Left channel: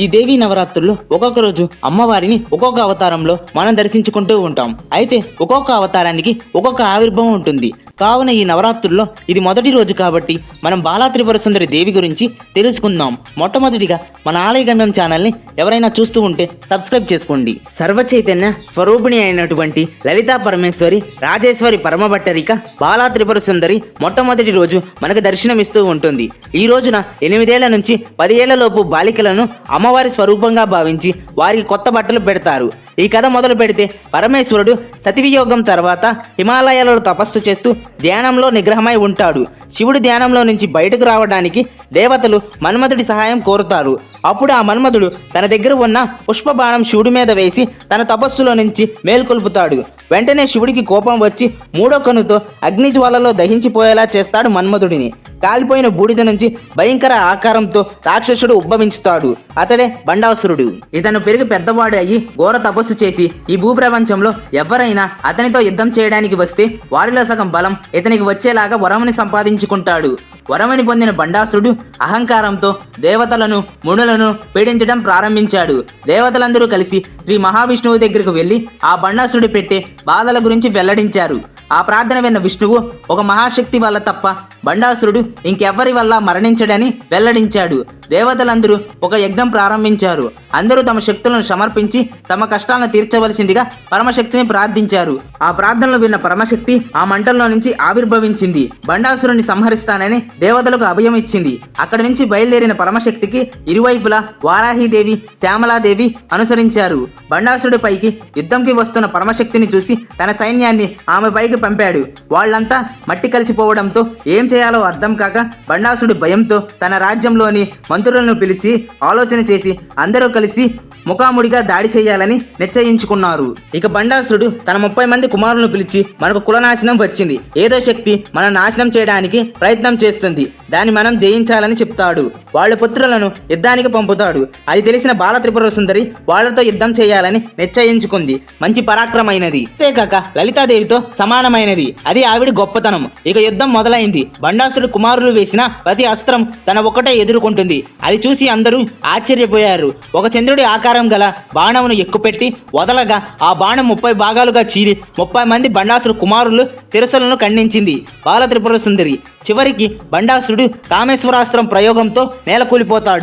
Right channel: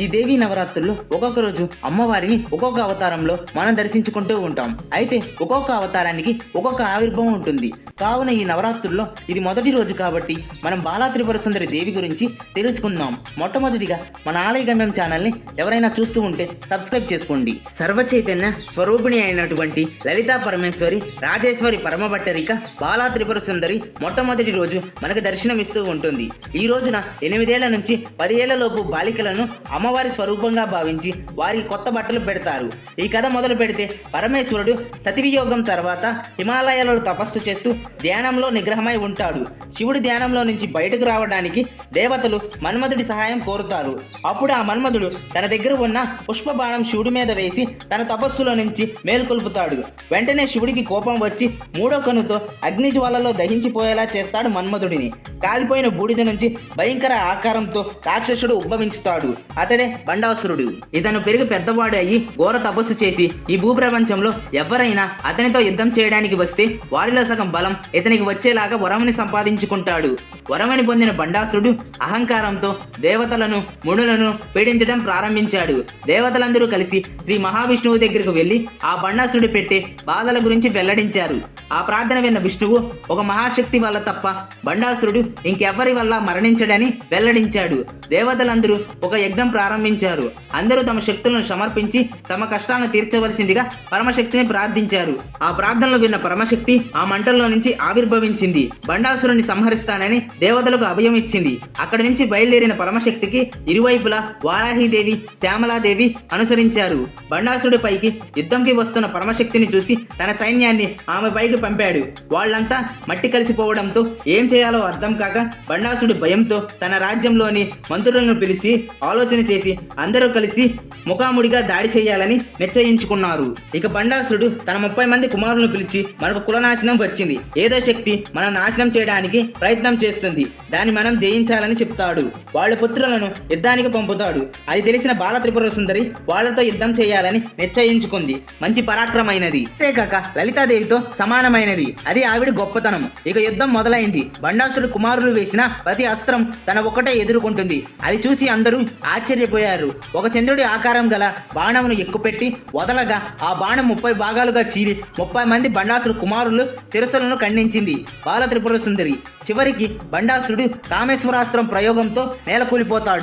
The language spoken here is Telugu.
ఈ దేవీ నవరాత్రుల్లో ఒక్కొక్క రోజు అమ్మవారిని ఒక్కొక్క అవతారంలో మనం దర్శించుకుంటూ ఉంటాం. అయితే ఒక్కొక్క అవతారానికి ఒక్కొక్క ఆవిర్భావం ఉంటుంది. కావున ఈ నవరాత్రుల్లో ఇది మొదటి రోజు కాబట్టి మనం బాలా త్రిపుర సుందరి దేవి గురించి తెలుసుకుందాం. మొట్టమొదటిగా మన ఆలయ గమ్యం ఛానల్ని ఎవరైనా చూస్తూ ఉంటే సబ్స్క్రైబ్ చేసుకోండి. సర్వ చైతన్య స్వరూపిణి అయినటువంటి లలితా పరమేశ్వరి రాజేశ్వరి పరమభట్టరిక బాలా త్రిపుర సుందరి మొట్టమొదటి రోజు మనకు దర్శనమిస్తూ ఉంటుంది. ఈ రోజున ఎనిమిదేళ్ళ నుంచి పదిహేళ్ళలోపు బాలికలను అమ్మవారి స్వరూపంగా భావించి వారికి కొత్త బట్టలు పెడతారు. ఈ కథ మొదలు పెడితే పరమేశ్వరుడు సతివియోగం తర్వాత హిమాలయాలలో తపస్సు చేస్తూ ధ్యానంలో నిగ్రహమై ఉంటాడు. శివుడి ధ్యానంలో నుంచి బయటకు రావడానికి దేవతలు మన్మధుడి సహాయం కోరుతారు. అప్పుడు ఆ మన్మధుడు తన దగ్గర ఉన్న పుష్ప బాణం శివుడి మీద వేసి తన తపస్సులో నుంచి మేల్కొల్పుతాడు. వెంటనే శివుడికి కోపం వచ్చి మూడో కనుతో అగ్నిజ్వాలలో దహించిపోయేలా చేస్తాడు మన్మధుడిని. కాలిపోయిన బూడిద నుంచి భయంకర ఆకారంతో రాక్షసుడు ఉద్భవించుతాడు. అతడే బండాసురుడు. ఇతను పెరిగి పెద్దవాడు అయ్యి ఘోర తపస్సు చేసి ఈ భూప్రపంచంలో ఎవరైనా అతనితో యుద్ధం చేయడానికి వస్తే వారిలో సగం బలం ఇతనికి వచ్చేలాగా వరముని సంపాదించుకుంటాడు. వరముని పొందిన బండాసురుడు అహంకారంతో దేవతలను మునులను పీడించడం ప్రారంభించాడు. దేవతలందరూ కలిసి శ్రీ మహావిష్ణువు దగ్గరకు వెళ్ళి ఆ బండాసురుడు పెట్టే బాధల గురించి వెల్లడించారు. ఆ ప్రార్థన విన్న విష్ణువు ఒక మహాశక్తి వల్ల తప్ప బండాసురుడు ఇంకెవ్వరి వల్ల మరణించడని వెల్లడించాడు. దేవతలందరూ ఒక యజ్ఞం ప్రారంభించారు. అందరూ తమ శక్తులను సమర్పించి తమ కష్టాలను తీర్చవలసిందిగా పరమశక్తిని ప్రార్థించారు. ఆ ప్రార్థనలు విన్న పరమశక్తి ఆ మంటల్లో నుంచి ఆవిర్భవించింది. బండాసురుని సంహరిస్తానని దేవతలకు అభయం ఇచ్చింది. అక్కడి నుంచి బయలుదేరిన పరమశక్తికి ఇరువైపులా వారాహిదేవి శ్యామలాదేవి అనుసరించారు. బండాసురుడి పైకి యుద్ధంకి వస్తున్న పరమశక్తిని చూసి తన సైన్యాన్ని ఆమె పైకి పంపాడు. వాళ్ళంతా మట్టి కలిసిపోవడంతో ఏం చేయాలో అర్థం కాక బండాసుడు భయంతో తన రాజ్యంలోని మంత్రులను పిలిచి ఆలోచన చేసి అందరూ కలిసి ముఖాముడిగా దాడి చేయాలని నిశ్చయించుకున్నారు. ఇక బండాసుడు తన ముప్పై మంది కుమారులను పిలిచి మనకు కులనాశనం వచ్చింది. ఏదో శక్తి మన నాశనం చేయడానికి ప్రయత్నం చేస్తుంది. దాన్ని మనం జయించాలని చెప్తాడు. వాళ్ళ పుత్రులను యుద్ధానికి పంపుతాడు. అది తెలిసిన బాల త్రిపుర సుందరి వాళ్ళతో యుద్ధం చేయాలని నిశ్చయించుకుంది. మంచి పరాక్రమైనది. అంతేకాక లలితాదేవితో సమానమైనది అది ఆవిడ గొప్పతనం. ఇక యుద్ధం మొదలైంది. బండాసుడు కుమారులు వేసిన ప్రతి అస్త్రం తన ఒకటే ఎదుర్కొంటుంది. అది చూసి అందరూ ఆశ్చర్యపోయారు. ఒక చంద్రుడి ఆకారం గల బాణమును ఎక్కుపెట్టి వదలగా ఆ బాణం ముప్పై భాగాలుగా చీరి ముప్పై మంది బండాసుడు కుమారులు శిరస్సులను ఖండించింది. బాల త్రిపుర సుందరి. చివరికి బండాసుడు కామేశ్వరాస్త్రం ప్రయోగంతో నేలకూలిపోతాడు.